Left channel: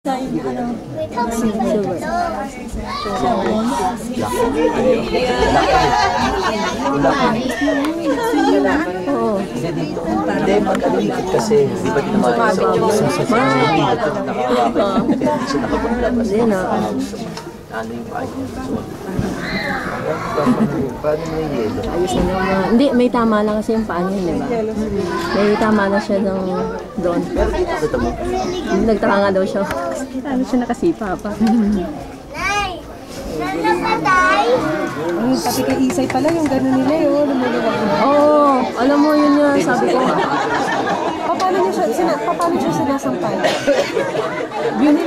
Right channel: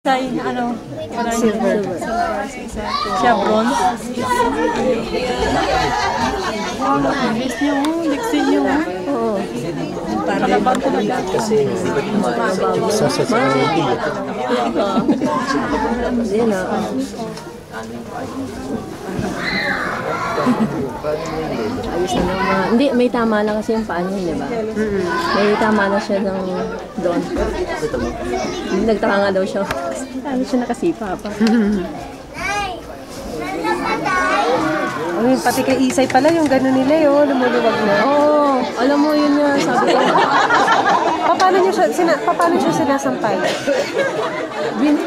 Sa ano? Silver. Siya bronze. Oo. Kasi di ba naman sa society? Hindi na. Ayos na naman. Hindi, may tama lang kasi yung paa niya, di ba? May tama na siya ng doon. Nagtaka nga daw siya. Ano siya nakasipa pa. Ay, pati kay Isay pala yung gano'n nila yun, lumuluwag na. Oo, alam mo yun nga, sabi ko. Paano siya sinasampal?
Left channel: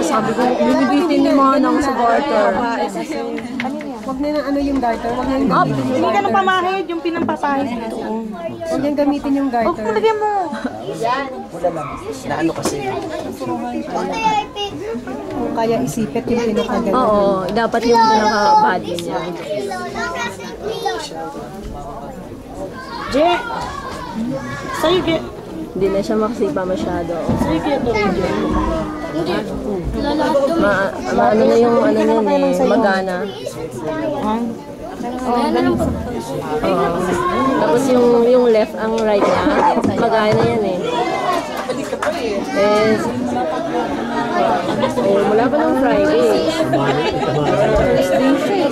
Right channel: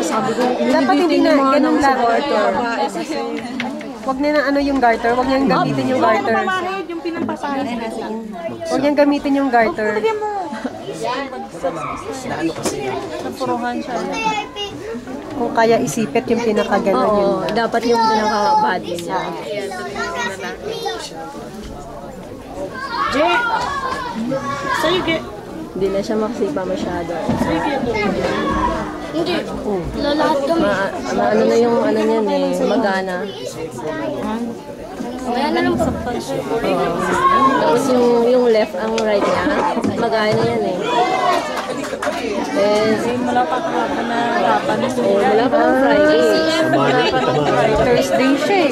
Sabi ko, binibitin yung mga nang sa garter. Huwag na ano yung garter, huwag niyang gamitin yung garter. Huwag na pamahid yung pinampapahid. Huwag niyang gamitin yung garter. Pagyan mo. Na ano kasi? Puruhan siya. Kung kaya isipit yung pinakaganon. Oo, dapat yung pinaka-body niya. Jay! Sa'yo, Jay. Hindi na siya makasipa masyado. Hindi. Lalahat kami. Ano na yung ano niyan eh, magana. Ayan na lang po. Tapos yung left ang right niya, magana yan eh. Wala pa ng Friday. Thursday siya eh.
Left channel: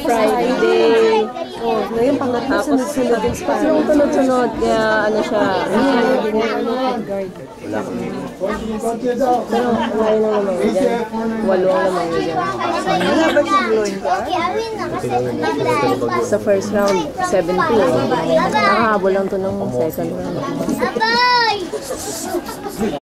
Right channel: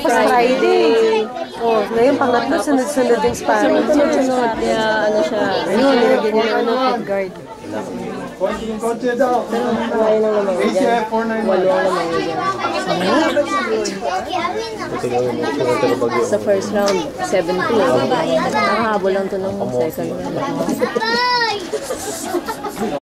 Friday. Oh, ngayon pangatlo, sunod-sunod din sparring. Sunod-sunod, kaya ano siya. Din yung ano, guard. Pero kumain lang naman yun dyan. 8 ang naman yun dyan. Sa first round, 7-2. Nakahabol lang to ng second round. Bye!